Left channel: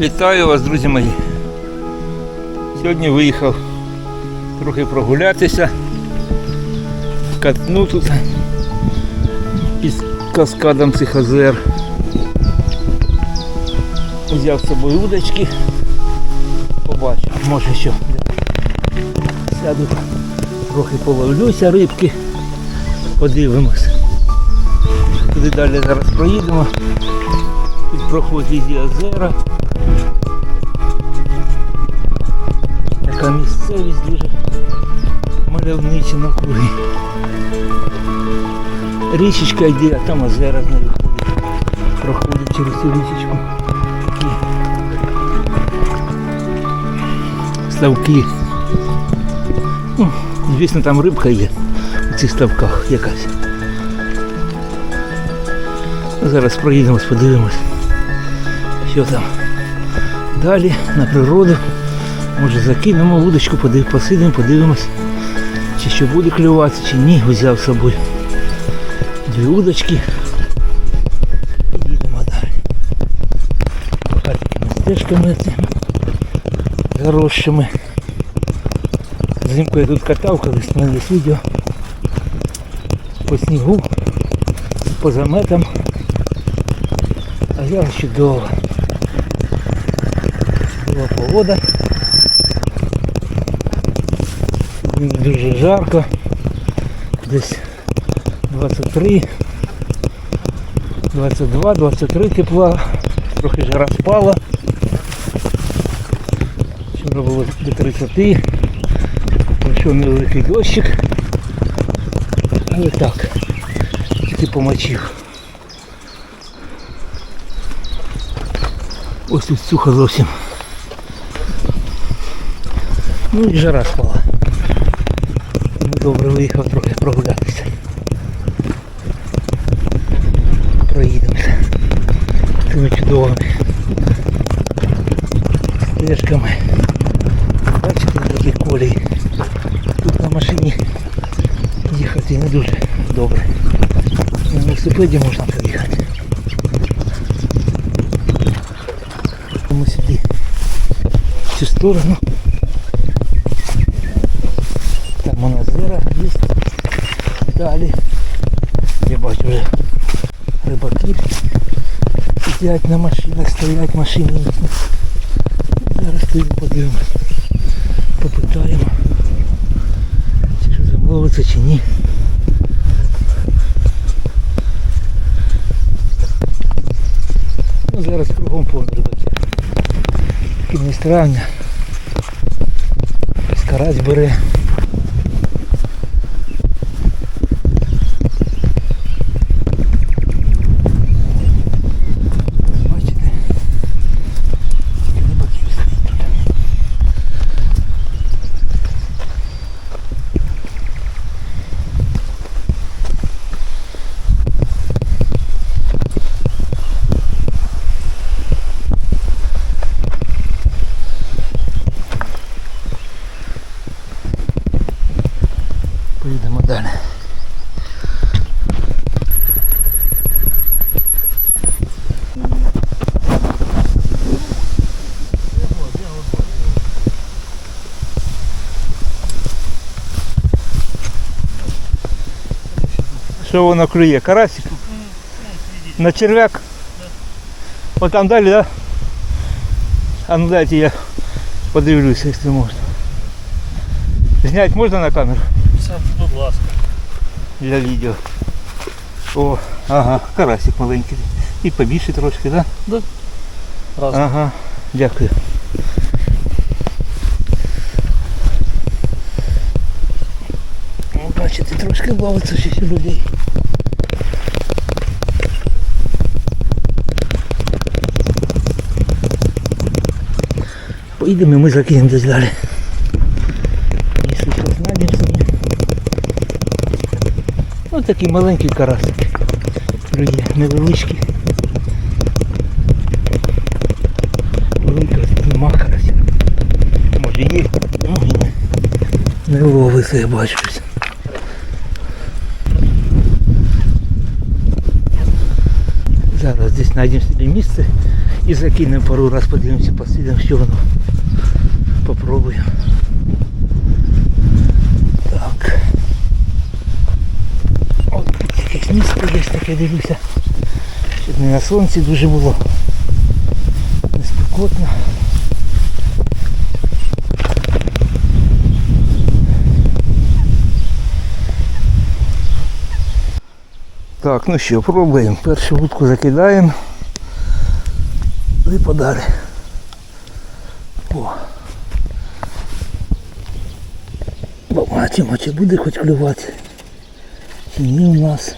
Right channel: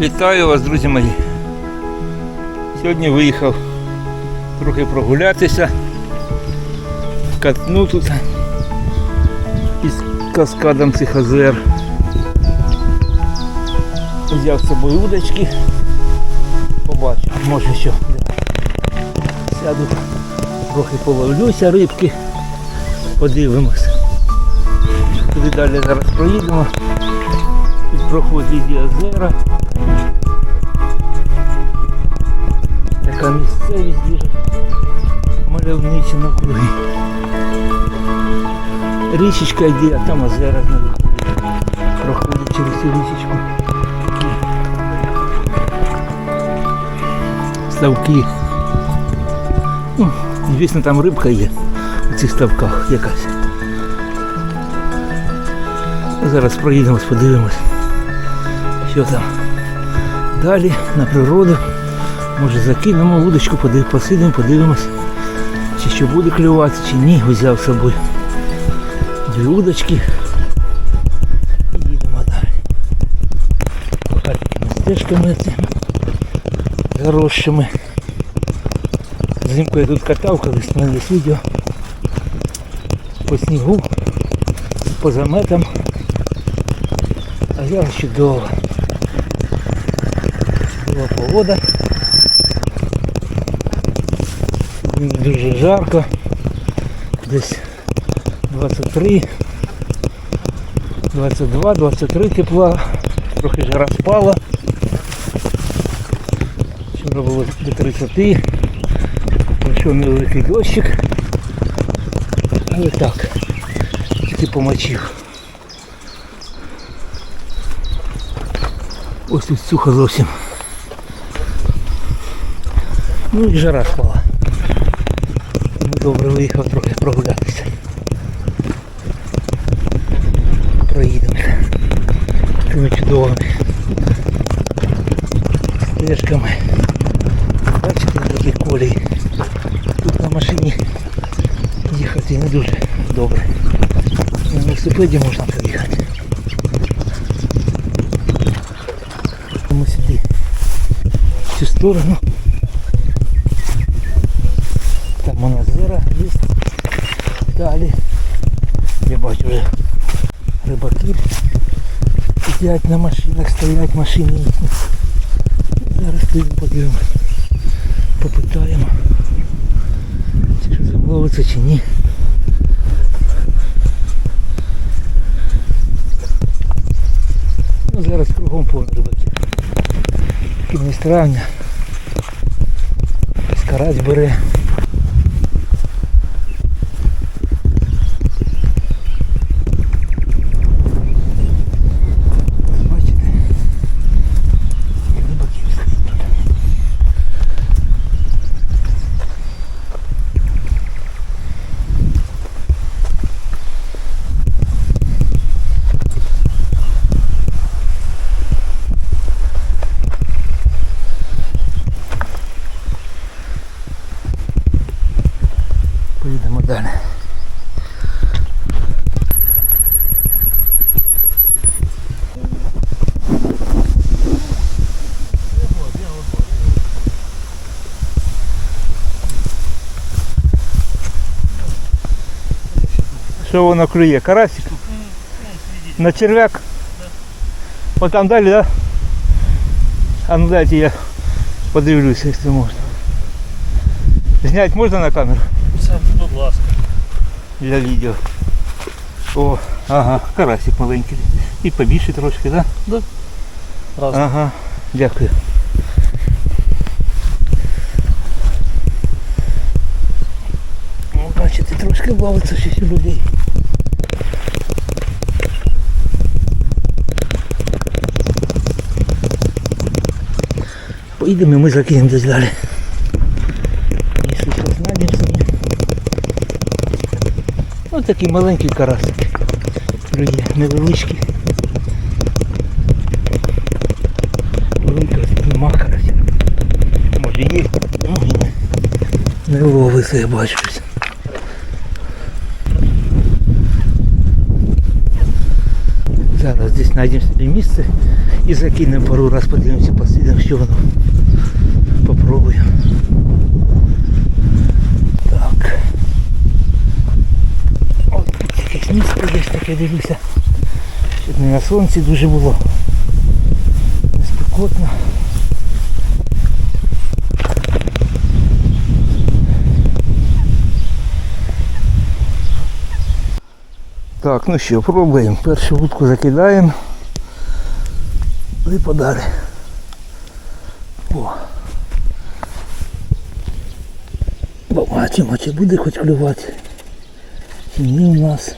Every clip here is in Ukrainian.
Вітаю вас, друзі мої. Сьогодні виїхав трохи прогулятися, катну тут із каскадом цих озер. Взяв з собою удочки. Побачу, може що. Сяду, трохи половлюся рибки, подивимось. Туди далі зараз проїдемо. Тут проходять і озера. Така місцевість дуже мальовнича навкруги. Річечка йде, а там озера з нею ходять. Проходять через цю річечку. Такі Ставки. Ну, звісно, там рибка є у цих ставках якась. Зараз проїдемось, подивимось, що там. Далі на природу. Може закинемо вудочку, посидимо, подивимось, чи що буде клювати, чи ні. Взяв з собою дві удочки. І їдемо далі. Поки такими стежками цими заросшими. Взимку я тут катав, колись є відео. По снігу, по заметам. А зараз чудово. Чудова погода. Дуже жарко. Десь 23, 22, 23 тепла. Трохи жара спала. Вчора було до 30. Пройшов невеликий дощик. Але так. Тільки помочив. Ось тут сухо зовсім. Ну і жара спала. Ну, добре виїхав трохи прогулятися. Проїдемося. Тими чудовими стежками. Бачите, такі колії. Тут на машині їхати не дуже добре. На велосипеді можна поїхати. Сторону. Там вона озера є. Далі. Я бачу вже рибаки сидять на машинах, стоять машини. Зараз поїдемо подивимось. Попитаємо. Чи що замовиться чи ні. Ну, зараз кругом повно рибаків. Кінець травня. Скарать бере. Поїдемо далі. Що воно клює? Карасик? На черв'як? От там далі, так? Да? А ну дайте я подивлюся, якщо можна. Зняти можна на камеру? Будь ласка. для відео. О, ага, карасик маленький. І побільше трошки, так? Да? Раз. Ага, дякую. Бачите, трошки бавиться ще людей. Поїдемо ми закинемо десь далі. Якщо що знайдемо собі. Ось такий маленький карасик. Друзі, невеличкий. Нема карася. Може є, не. Ловиться, я бачу. Зараз десь знайдемо собі місце і закинемо пару раз, подивимося, посидимо, що воно. Попробуємо. Так. От тут якесь місце десь таке дивлюся. Щоб не на сонці дуже було. Неспекотно. Так, ну що, пробуємо. Першу вудку закидаємо. І подалі. О. Побачимо, чи буде хоч клювати. Чи ні у нас.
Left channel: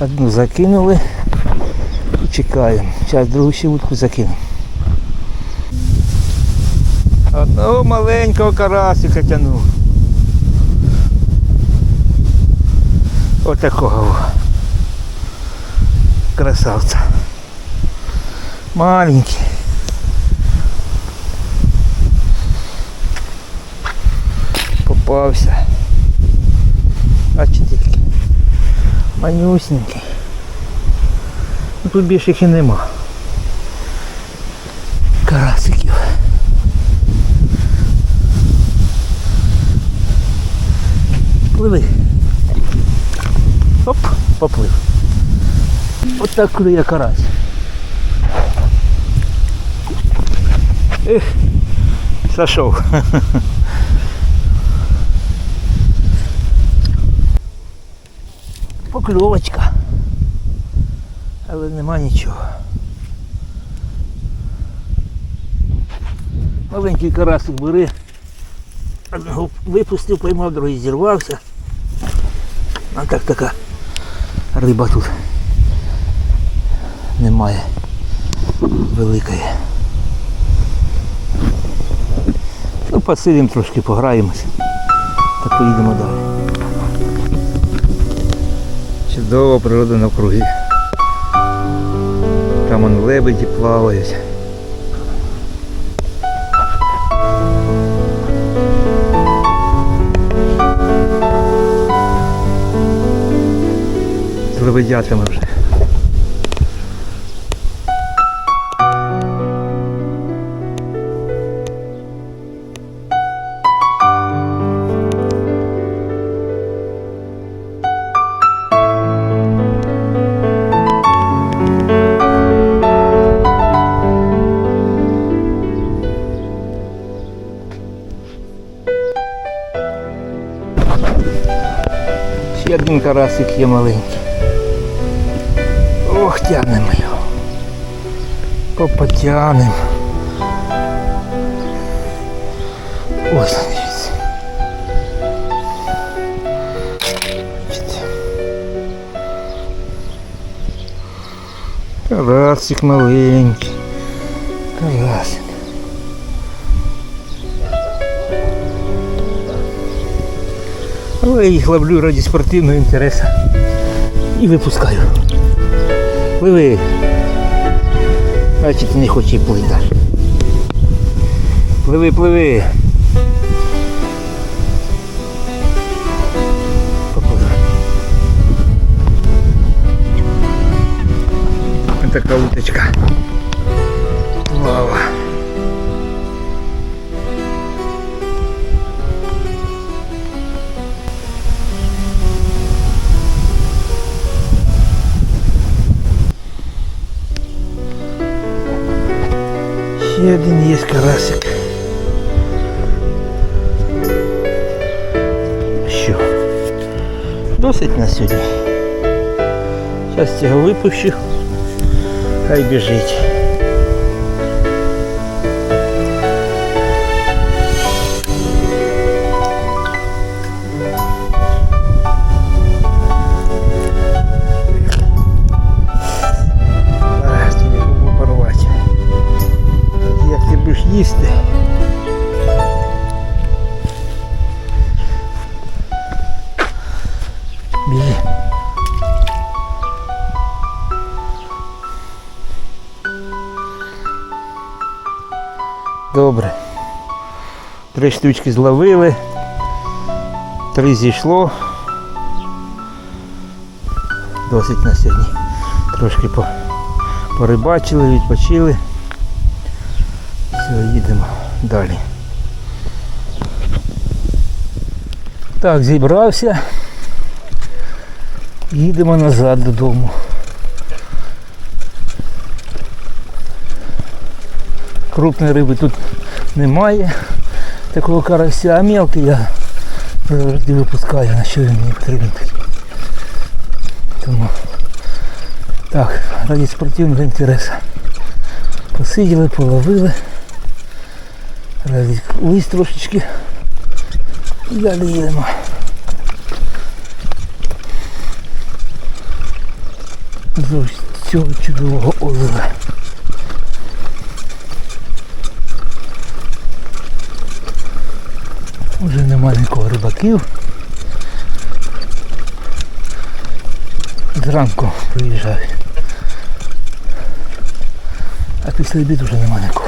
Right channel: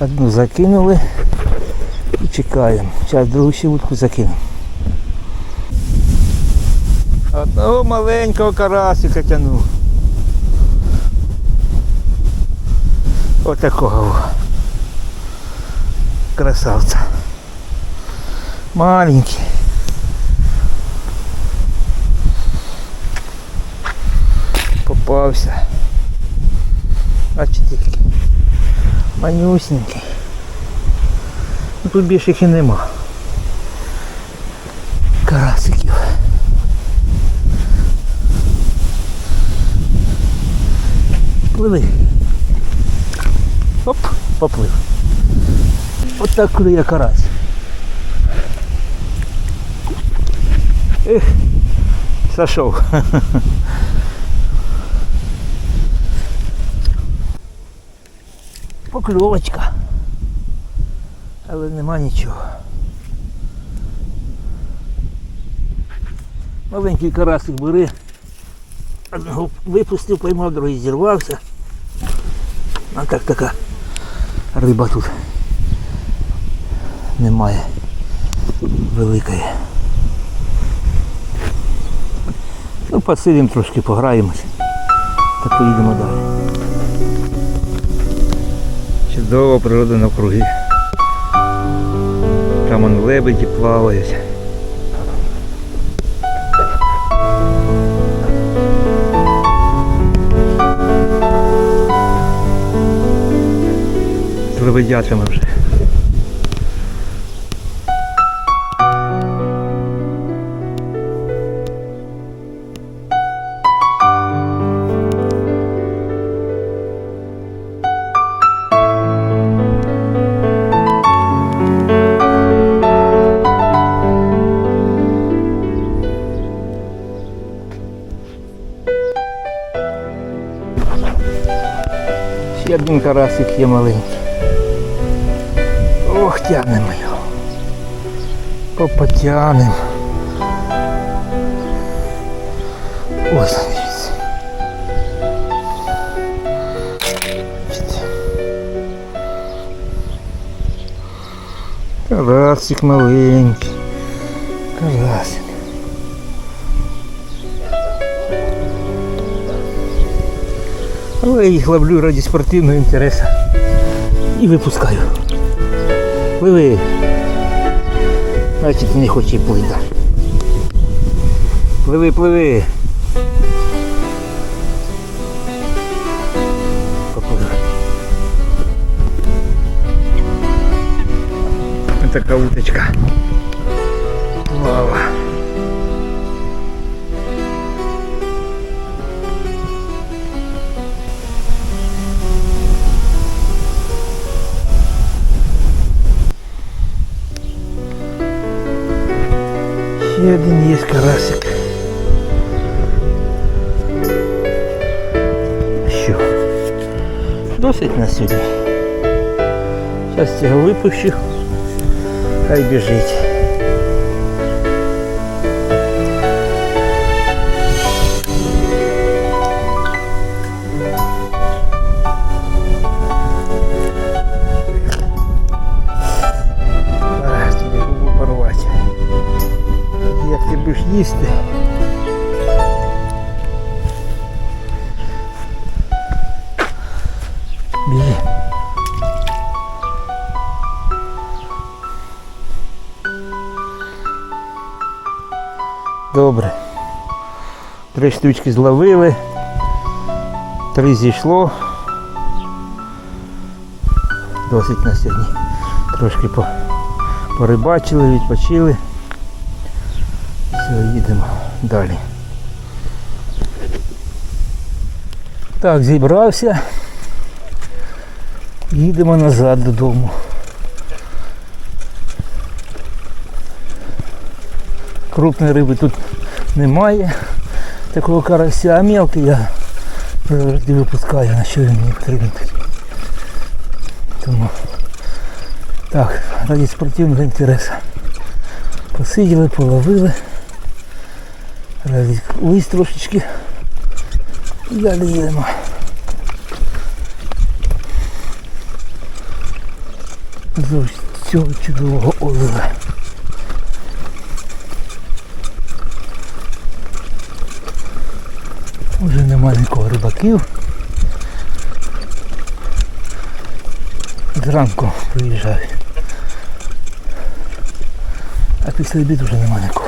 Одну закинули і чекаємо. Зараз другу ще вудку закинемо. Одного маленького карасика тянув. Отакого. Красавця. Маленький. Попався. Бачите, який манюсенький. Ну, тут більше їх і нема. Карасиків. Пливи. Оп, поплив. От так клює карась. Ех, зайшов. Покльовочка. Але нема нічого. Маленький карасик бери. Одного випустив, поймав, другий зірвався. А так така риба тут немає великої. Ну, посидимо трошки, пограємось та поїдемо далі. Чудова природа навкруги. Там он лебеді плавають. З лебедятами вже. Один карасик є маленький. Ох, тянемо його. Попотянем. Ось дивіться. Карасик маленький. Карасик. Але я їх ловлю раді спортивного інтересу. І випускаю. Пливи. Значить не хоче плити. Пливи, пливи. Така уточка. Вау. Ще один є карасик. Що? Досить на сьогодні. Зараз цього випущу. Хай біжить. Їсти? Біжи. Добре. Три штучки зловили. Три зійшло. досить на сьогодні. Трошки порибачили, відпочили. Все, їдемо далі. Так, зібрався. Їдемо назад додому. Крупної риби тут немає. Такого карася, а мелкий я завжди випускаю, на що він мені потрібен. Тому так, раді спортивного інтересу. Посиділи, половили. Лист трошечки. І далі цього чудового озера. Вже нема нікого рибаків. Зранку приїжджають. А після обіду вже нема нікого.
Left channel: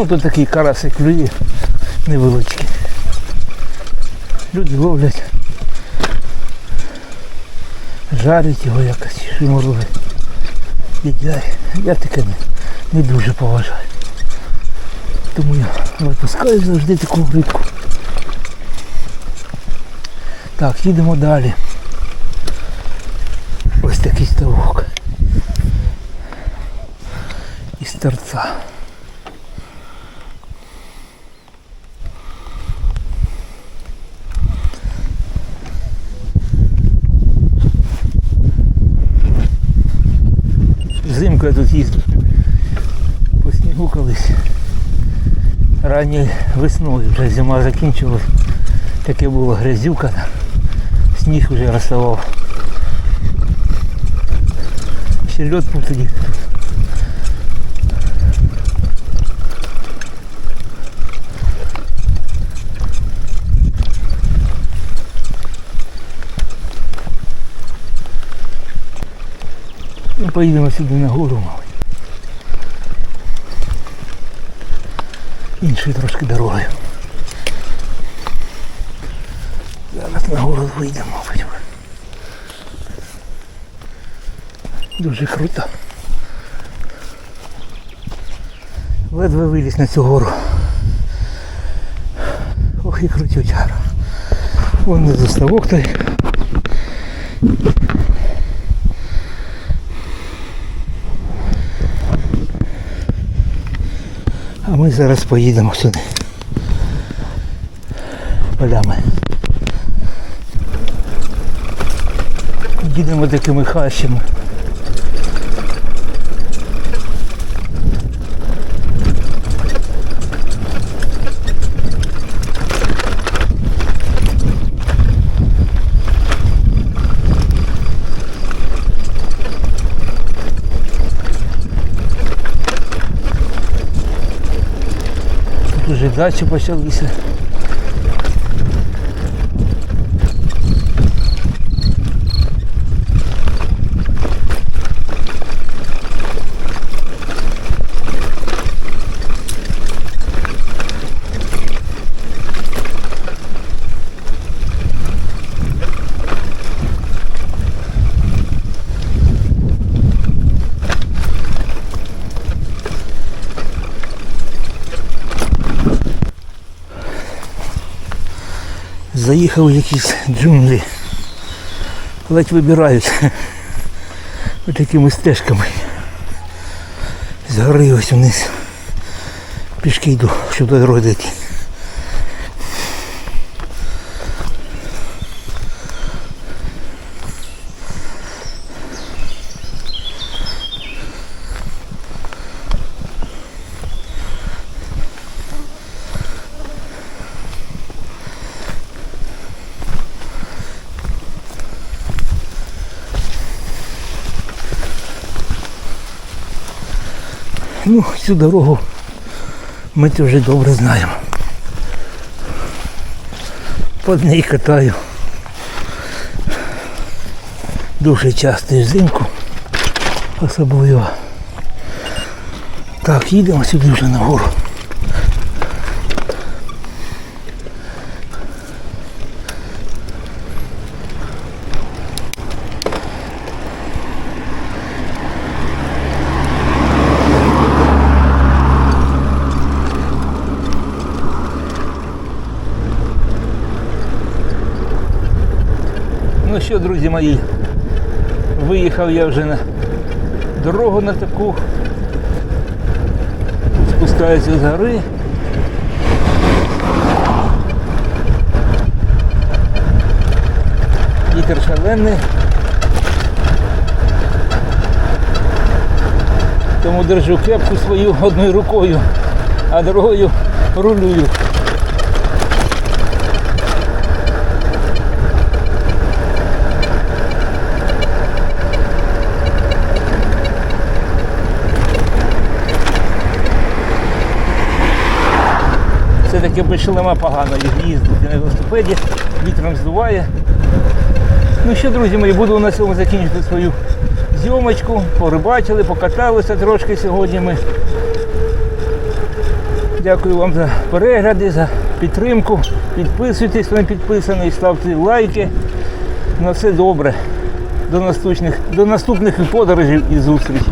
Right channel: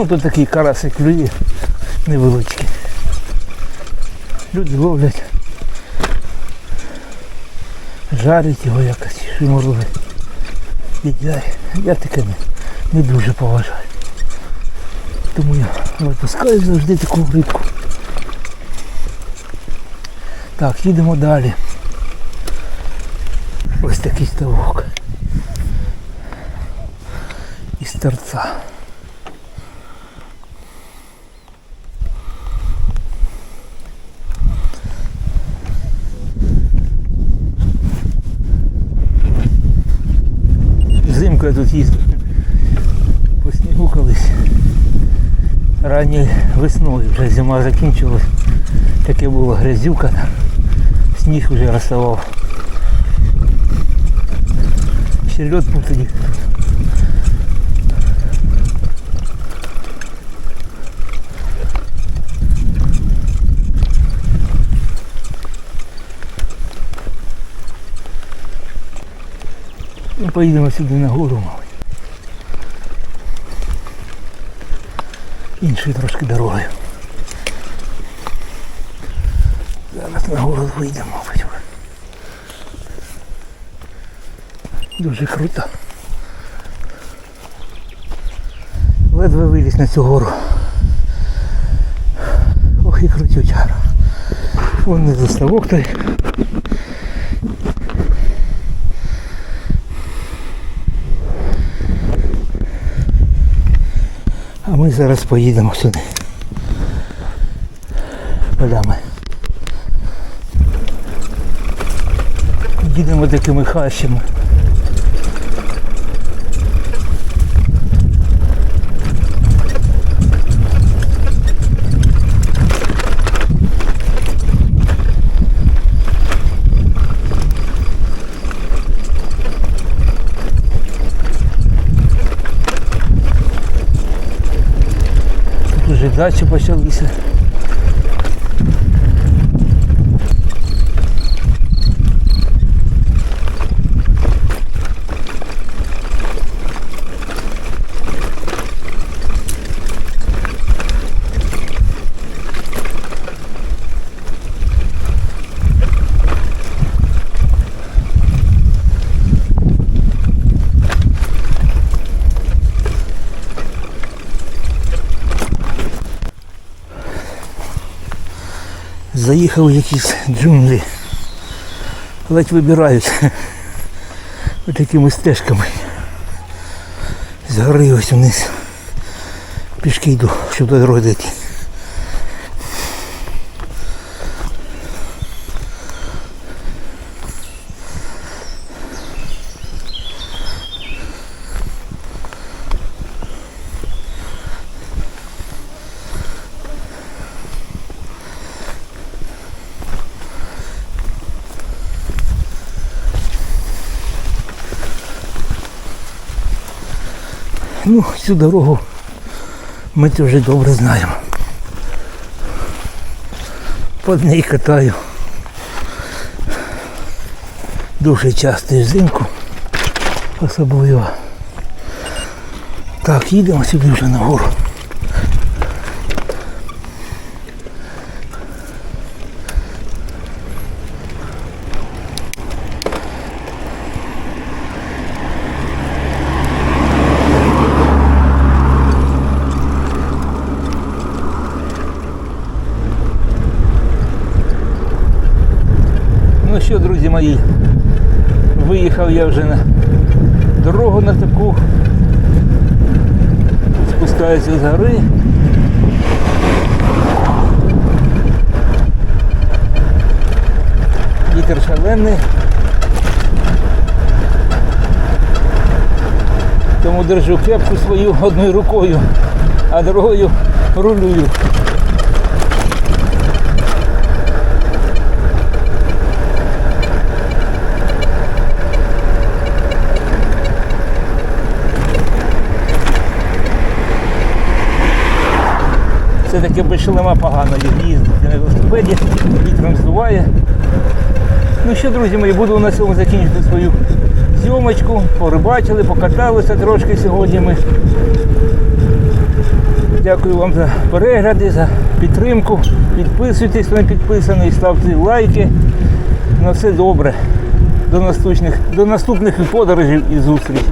Ну тут такий карасик клює невеличкий. Люди ловлять, жарять його якось, шиморують, їдять. Я таке не, не дуже поважаю. Тому я випускаю завжди таку рибку. Так, їдемо далі. Ось такий ставок. Із торця. Взимку я тут їздив. По снігу колись. Ранньою весною вже зима закінчилась. Таке було грязюка. Сніг вже розставав. Ще льот був тоді. Ну, поїдемо сюди на гору, мабуть. Іншою трошки дорогою. Зараз на гору вийдемо, мабуть. Дуже круто. Ледве виліз на цю гору. Ох і крутючара. Вон не заставок той. А ми зараз поїдемо сюди. Полями. Їдемо такими хащами. Тут уже дачі почалися. Заїхав в якісь джунглі. Ледь вибирають такими стежками. З гори ось вниз. Пішки йду, щоб до дороги дійти. Ну, цю дорогу ми це вже добре знаємо. По ній катаю. Дуже часто взимку. Особливо. Так, їдемо сюди вже нагору. Що, друзі мої, виїхав я вже на дорогу на таку. Спускаюся з гори. Вітер шалений. Тому держу кепку свою одною рукою, а другою рулюю. Все-таки без шлема погано їздити на велосипеді, вітром здуває. Ну що, друзі мої, буду на цьому закінчити свою зйомочку. Порибачили, покаталися трошки сьогодні ми. Дякую вам за перегляди, за підтримку. Підписуйтесь, хто не підписаний, ставте лайки. На все добре. До наступних, до наступних подорожей і зустрічей.